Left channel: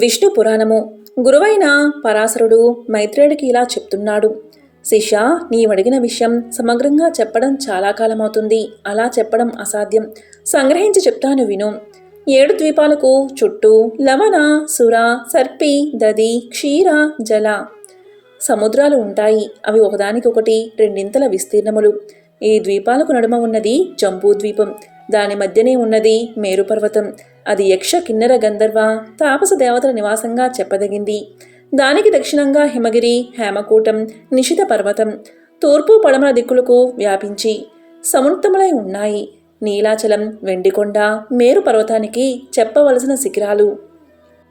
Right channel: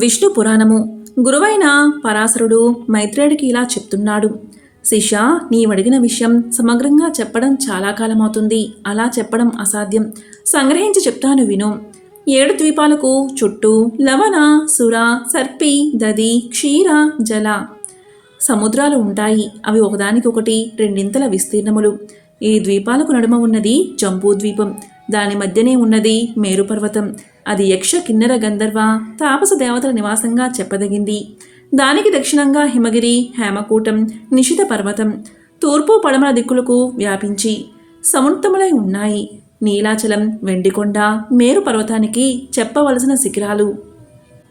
విష్ణు పురాణము. గురువైన పరాశరుడు మైత్రేయుడికి ఇలా చెప్తున్నాడు. శిష్య, నీవడిగిన విషయం సమగ్రంగా చెప్పడం చాలా కాలమవుతుంది. అలా చెప్పడం అసాధ్యం. సంగ్రహించి చెప్తాను విను. 7 ద్వీపాలకు చుట్టూ లవణ, సుర, సర్పి, దది, క్షీర, జల సముద్రాలు ఉంటాయి. అవి ఒకదానికొకటి రెండింతల విస్తీర్ణములు. ఈ ద్వీపాలకు నడుమ ఉన్నది జంబూద్వీపం. దాని మధ్యనే ఉన్నది మేరుపర్వతం. అది యక్ష, కిన్నెర, గంధర్వ, తాపస దేవతల నివాసంగా చెప్పదగింది. దానికి దక్షిణంగా హిమగిరి, హేమకూటం, నిశిత పర్వతం తూర్పు పడమర దిక్కులకు వ్యాపించి సమున్నతములై ఉన్నాయి. నీలాచలం, వెండికొండ, మేరు పర్వతానికి చెప్పవలసిన శిఖరాలు.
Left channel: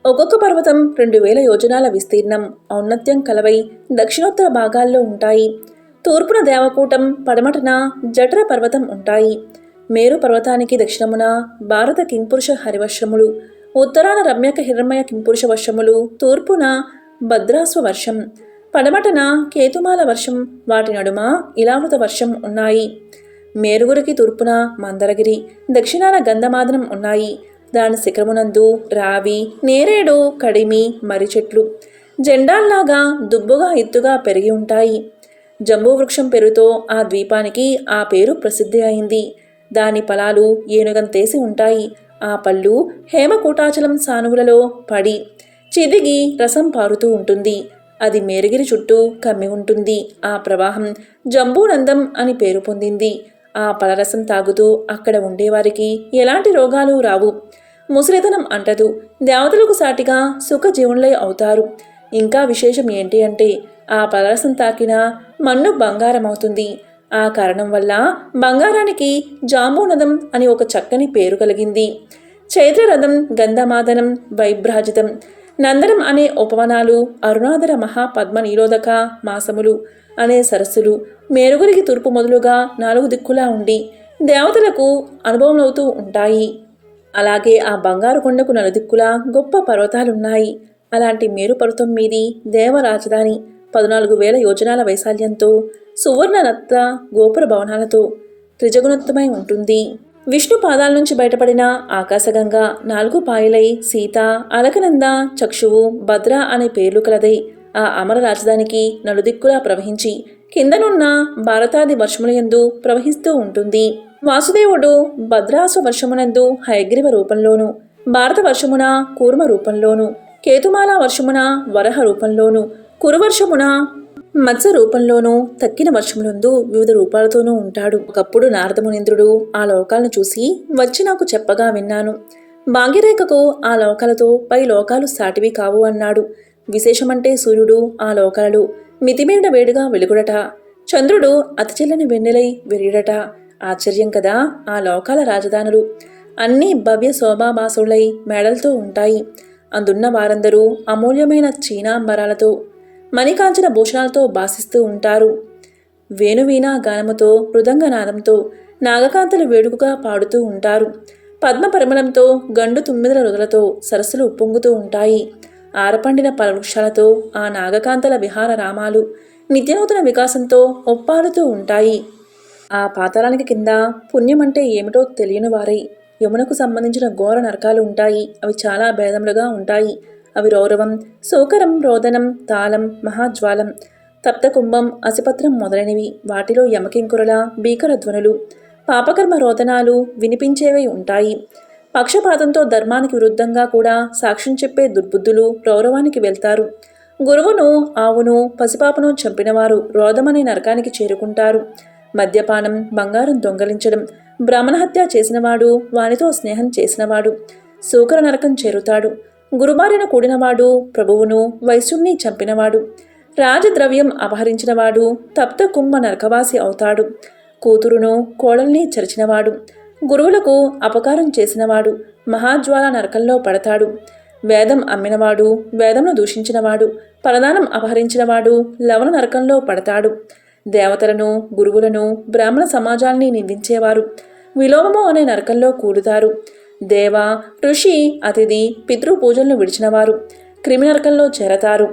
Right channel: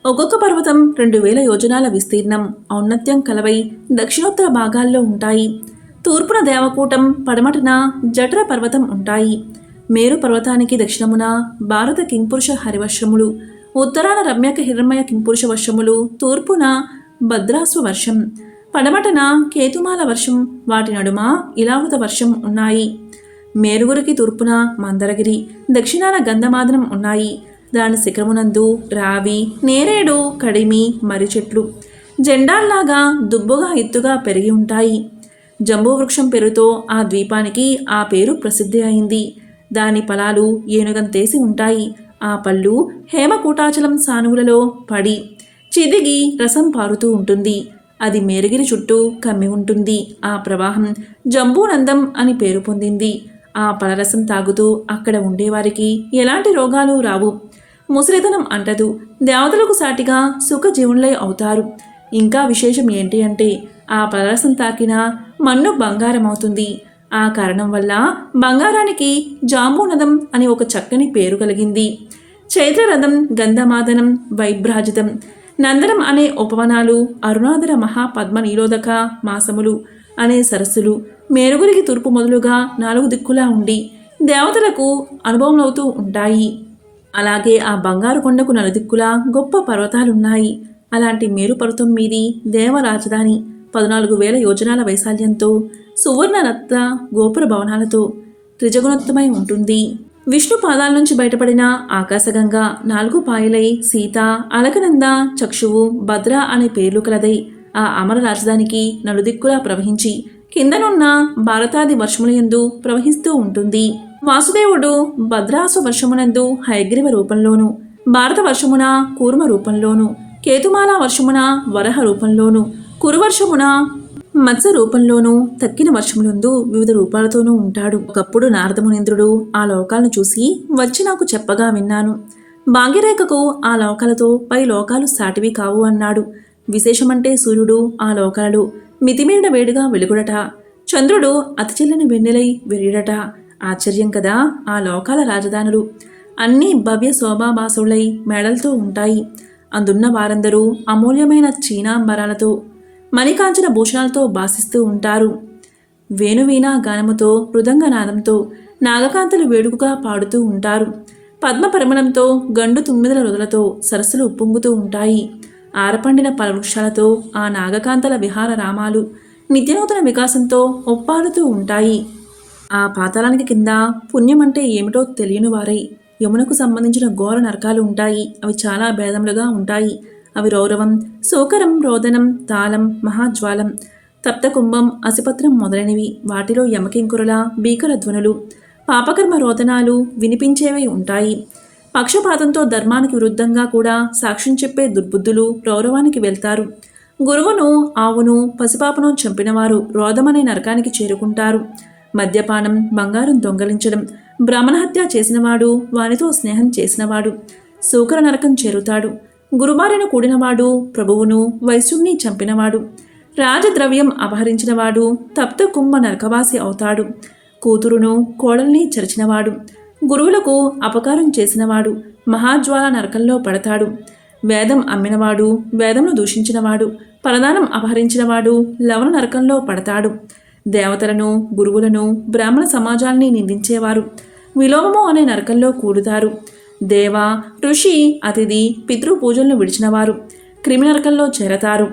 ఒక్కొక్క పర్వతం 2000 యోజనాల విస్తీర్ణం, ఔన్నత్యం కలవై దక్షిణోత్తర భాగాల్లో ఉంటాయి. తూర్పున దేవకూటం, పడమటన జఠర పర్వతం ఉంటాయి. మేరు పర్వతానికి దక్షిణమున భారత కింపురుష హరివర్షములు, ఉత్తరాన రమ్యక హిరణ్మయ కింపురుష వర్షములు, తూర్పున భద్రాస్వ వర్షం, పడమటన కేతుమాల వర్షం, వాటి నడుమ ఇలావృత వర్షం ఉన్నాయి. మేరుగురికి తూర్పున మందరగిరి, దక్షిణాన గంధమాదనం ఉన్నాయి. దాని శిఖరమునందు రావి, నేరేడు, కడిమి, మర్రి చెట్లు జెండాల్లాగా దుబ్బుగా ఎత్తుగా పెరిగి ఉంటాయి. జంబూవృక్షం పేరుతో ఆ ద్వీపానికి ఆ పేరు ప్రసిద్ధి అయింది. దాని ఫలాలు ఏనుగంతేసి ఉంటాయి. ఆ పళ్ళు హేమకూటాచలం సానువులలో పడి చిదిగి రసం పారుతూ ఉంటుంది. అది మేరగిరి చుట్టూ కమ్మి ఉంటుంది. ఆ ప్రవాహం జంబూనందం అని పేరు పొందింది. ఆ పలరసం తాగుతూ అక్కడ ఉండేవారికి ఎలాంటి రోగాలు రావు. ముసలితనం అంటదు. దేవతలకు సాటిగా సుఖజీవునులై అవుతారు. ఇంకా విశేషం ఏంటి అంటే ఆ పలరసం తాకిన మన్ను బంగారమవుతుంది. ఆ కారణం వల్ల బంగారానికి జాంబూనదం అని ఒక చక్కని పేరు కలిగింది. చైత్రరథం, గంధమాదనం, వైభ్రాజితం, నందనం అనే ఉపవనాలు, అరుణాధర మహాపద్మ నీలోదక మాసములు అనే సరస్సులు మేరుగురికి తూర్పు మొదలుగా 4 దిక్కులా ఉండి దేవతలకు అనుభవమవుతూ ఉంటాయి. అలాగే ఆ బంగారు కొండకు నలుదిక్కులా గొప్ప పర్వతాలున్నాయి. అలాంటి మేరు పర్వతం మీది దేవ రాజధాని 14,000 యోజనాల వైశాల్యంతో సువర్ణ రత్న గోపుర భవనాలతో త్రిజగుణోత్తమై ఉంటుంది. విష్ణు పాదాల నుంచి బయటపడిన ఆకాశగంగ 4 పాయలై సీత, అలకనంద, చక్షువు, భద్ర అనే పేర్లు కలదై ఆ అమర రాజధానికి నలుదిక్కులా ప్రవహించి కిందనున్న భారతాది వర్షములయందు ప్రవహిస్తూ ఉంటుంది. వాసుదేవుడు భద్రాస్వ వర్షమునందు హయగ్రీవ రూపంలోను, భారత వర్షమున కూర్మ రూపంలోను, కేతుమాల వర్షమున వరహ రూపంలోను, కురువర్షమున మత్స్య రూపంలోనూ, తక్కిన వర్షములందు వివిధ రూపాలతోనూ ఉంటాడు. ఒకప్పుడు నారదమునింద్రుడు ఆ లోకాలను చూసి వచ్చి నాకు చెప్పగా విన్నాను. భాగ్యరేఖకు ఆ లోకాలతో పై లోకాలు సాటివి కావు అన్నాడు. విశేషమంటే సూర్యుడు ఆ లోకాలు మితిమీరిన వేడిగా వెలుగుడట. చంద్రుడు అతిచెల్లని వెన్నెలై వెలియుడట. ఆశ్చర్యం కదా. ఆ లోకాల రాజధానులు అన్నీ భవ్య శోభాభాసులై మేడలతో ఉంటాయి. అందున్న వారందరూ అమూల్యమైన చీనాంబరాలతో మణికాంచన భూషణాలతో భాసిస్తూ ఉంటారు. వేణువీణ గానముతో, మృదంగనాదంతో నాగకాంతలు వేడుకగా పాడుతూ ఉంటారు. పద్మ పరిమళంతో, గండు తుమ్మిదల రుదలతో సరస్సులు ఉప్పొంగుతూ ఉంటాయి. ఆరపండిన పలవృక్షాలతో ఆ నాగకాంతల విహార రామాలు నిత్యనూతన వికాసంతో ఒప్పాడుతూ ఉంటాయి. ఆ పాతాళానికి కింద పుణ్యమంటే ఏమిటో తెలియని వారై యమునకు సంబంధించిన ఘోర నరకాలు ఉంటాయి. అవి చాలా భేదములుగా ఉంటాయి. అవి రౌరవం, శోకరం, రోదనం, తాళం, మహాజ్వాలం, తప్తకుంభం, అసిపత్రం మొదలైనవి. వాటిలో యమకింకురల భీకర ధ్వనులు, పాపకర్మ రోదనాలు వినిపించేవై ఉంటాయి. పక్షపాతంతో ధర్మానికి విరుద్ధంగా కూడా సాక్ష్యం చెప్పే దుర్బుద్ధులు రౌరవానికి వెళ్తారు. గురువును, ఆవును, పసిపాపను చంపినవారు రోదమనే నరకానికి చేరుకుంటారు. మద్యపానం, బంగారం దొంగలించడం, బ్రాహ్మణహత్య చేసినవాడు, వానితో స్నేహం చేసినవాడు శూకర నరకం చేరుతాడు. గురుబారిన కూడినవాడు, ప్రభువును, వైశ్యుణ్ణి చంపినవాడు, రాజద్రవ్యం అపహరించినవాడు తప్త కుంభ నరకవాసి అవుతాడు. కూతురును, కోడల్ని చరిచినవాడు, గురువులకు అపకారం చేసినవాడు మహాజ్వాల నరకంలో పడతాడు. వేదం అమ్మినవాడు, వేదంను దూషించినవాడు, పరదానం అపహరించినవాడు లవణ నరకంలో పడతాడు. దేవతలను, గురువులను, బ్రాహ్మణ సమాజాల్ని నిందించేవారు విలోమము అనే నరకంలో కూడుతారు. దేవ, ఋషి, అతిథి, పితృపూజలను విడిచినవారు క్రిమి నరకంలో చేరతారు.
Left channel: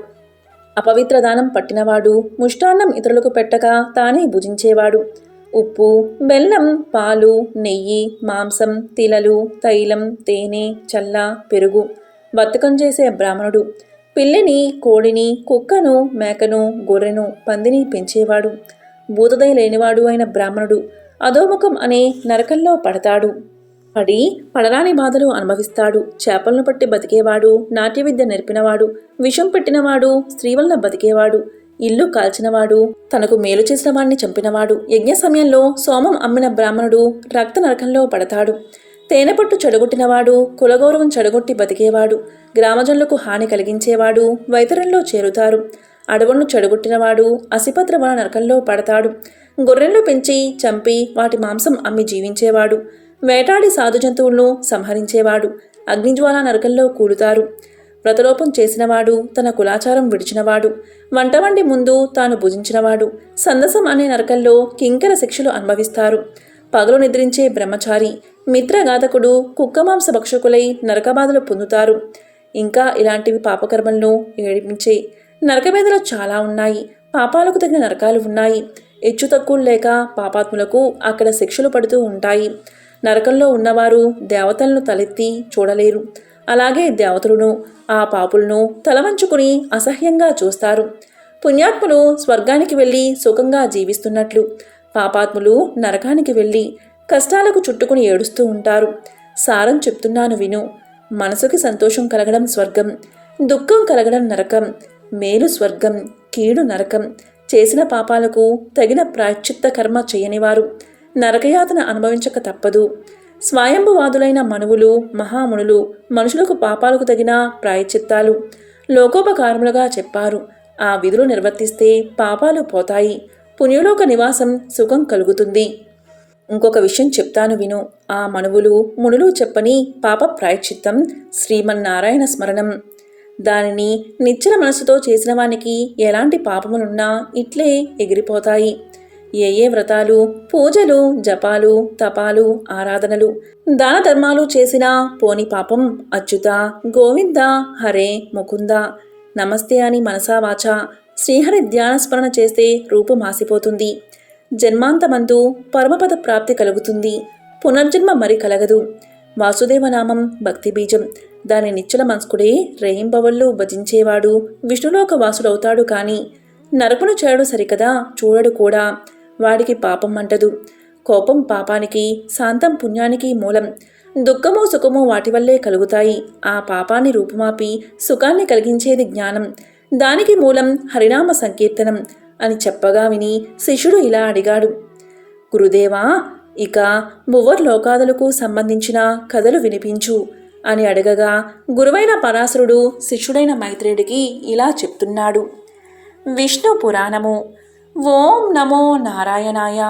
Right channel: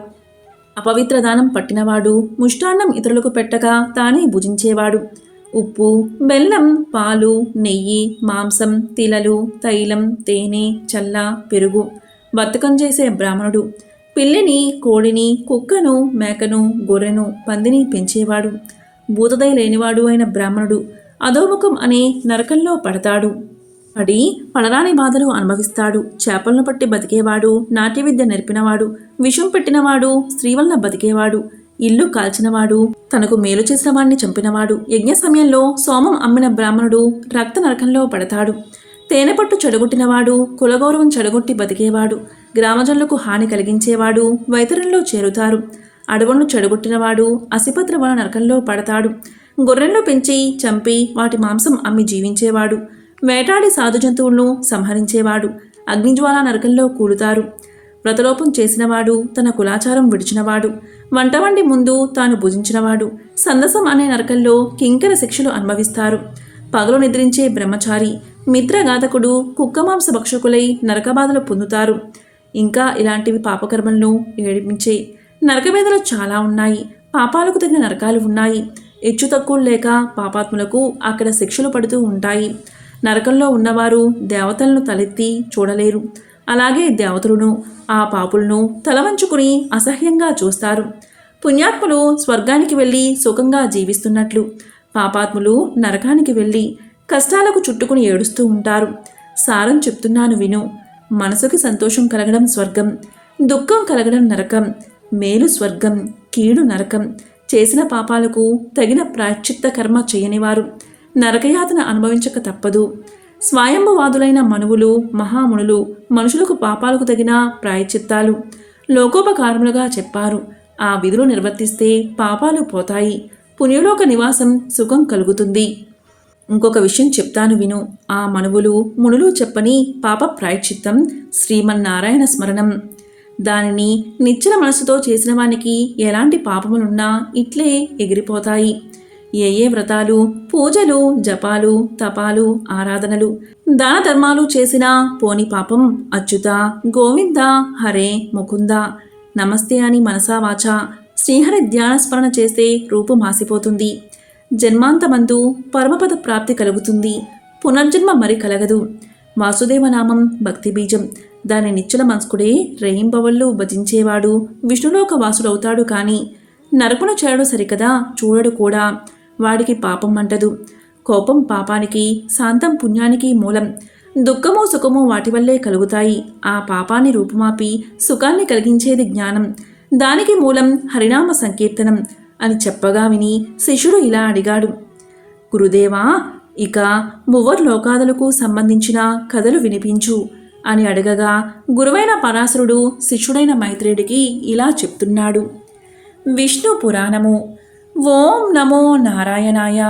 అపవిత్ర దానం పట్టినవాడు, ముష్టాన్నం ఇతరులకు పెట్టగా తానే భుజించేవాడు, ఉప్పు, బెల్లం, పాలు, నెయ్యి, మాంసం, తిలలు, తైలం, తేనె, చల్ల, పెరుగు బతుకం చేసే బ్రాహ్మణుడు. పిల్లిని, కోడిని, కుక్కను, మేకను, గొర్రెను, పందిని పెంచేవాడు. భూతదయ లేనివాడు అయిన బ్రాహ్మణుడు అధోముఖం అనే నరకంలో పడతాడు. పడరాని బాధలు అనుభవిస్తాడు. చేపలను పట్టి బతికేవాడు, నాట్య విద్య నేర్పినవాడు, విషం పెట్టినవాడు, స్త్రీ వలన బతికేవాడు, ఇల్లు కాల్చినవాడు, తనకు మేలు చేసిన వాడిని చంపినవాడు, యజ్ఞ సమయంలో సోమం అమ్మిన బ్రాహ్మణుడు రక్త నరకంలో పడతాడు. తేనెపట్టు చెడగొట్టినవాడు, కులగౌరవం చెడగొట్టి బతికేవాడు, గ్రామజనులకు హాని కలిగించేవాడు వైతరంలో చేరుతారు. అడవులను చెడగొట్టినవాడు అసిపత్ర వన నరకంలో పడతాడు. గొర్రెలను పెంచి చంపి వాటి మాంసం అమ్మి జీవించేవాడు, వేటాడి సాధు జంతువులను సంహరించేవాడు అగ్నిజ్వాల నరకంలో కూలుతారు. వ్రతలోపం చేసినవాడు, తన కులాచారం విడిచినవాడు, వంట వండి ముందు తాను భుజించినవాడు సందసం అనే నరకంలో కింకర శిక్షలు అనుభవిస్తారు. పగలు నిద్రించే బ్రహ్మచారి, మిత్రఘాతకుడు, కుక్కమాంస భక్షకులై నరకబాధలు పొందుతారు. ఇంకా ఇలాంటివి పాపకర్మలను ఏడిపించే నరకవేదలు చాలా ఉన్నాయి. పాపాలకు తగిన నరకాలు ఉన్నాయి. హెచ్చు తక్కువలు లేక పాపాత్ములకు అక్కడ శిక్షలు పడుతూ ఉంటాయి. నరకంలో ఉన్నవారు దేవతలను తలెత్తి చూడలేరు. అలాగే దేవతలను ఆ పాపులను తలవంచుకుని అసహ్యంగా చూస్తారు. పుణ్యాత్ములు స్వర్గానికి వెళ్ళి సుఖంగా జీవిస్తున్నట్లు పాపాత్ములు నరకానికి వెళ్ళి కష్టాలకు చుట్టుకుని ఏడుస్తూ ఉంటారు. సారం చెప్తున్నాను విను. మనసుకి సంతోషం కలగడం స్వర్గం, దుఃఖం కలగడం నరకం. మేలు స్వర్గం, కీడు నరకం. చేసిన పాపాలకు తగిన ప్రాయశ్చిత్త కర్మ చేయనివారు నరకయాతన అనుభవించక తప్పదు. స్వయంభువాదులైన మనువులు, మహామునులు మనుషులకు పాపాలకు తగిన ప్రాయశ్చిత్తాలు లోకోపకారములుగా చెప్పారు. ఆ విధులు నిర్వర్తిస్తే పాపాలు పోతాయి, పుణ్యలోక నివాసం సుఖం కలుగుతుంది. ఇంకొక విషయం చెప్తాను విను. ఆ మనువులు, మునులు చెప్పని పాప ప్రాయశ్చిత్తం శ్రీమన్నారాయణ స్మరణం. దానిని నిశ్చల మనసుతో చేసిన వానికి ఎలాంటి పాపములున్నా ఇట్లే ఎగిరిపోతాయి. ఏ వ్రతాలు, పూజలు, జపాలు, తపాలు, ఆరాధనలు, దాన ధర్మాలు చేసినా పోని పాపం అచ్యుత, గోవింద, హరే, ముకుంద, నమస్తే అని మనసా వాచా శ్రీహరి ధ్యానస్మరణ చేస్తే రూపు మాసిపోతుంది. జన్మాంతమందు పరమపద ప్రాప్తి కలుగుతుంది. పునర్జన్మ మరి కలగదు. వాసుదేవనామం భక్తి బీజం. దాని నిశ్చల మనస్కుడే రేయింబవళ్ళు భజించేవాడు విష్ణులోక వాసుడవుతాడు. కానీ నరకును చేయడు సరికదా, చూడడు కూడా. వాడికి పాపం అంటదు. కోపం పాపానికి, శాంతం పుణ్యానికి మూలం. దుఃఖము సుఖము వాటి వల్లే కలుగుతాయి. ఆ పాపాన్ని రూపుమాపి సుఖాన్ని కలిగించేది జ్ఞానం. దానికి మూలం హరినామ సంకీర్తనం అని చెప్పగా విని శిష్యుడు ఇలా అడిగాడు, గురుదేవా, ఇక మువ్వర్లోకాదులకు సంబంధించిన కథలు వినిపించు అని అడగగా గురువైన పరాశరుడు శిష్యుడైన మైత్రేయుడికి ఇలా చెప్తున్నాడు. విష్ణు పురాణము. ఓం నమో నారాయణాయ.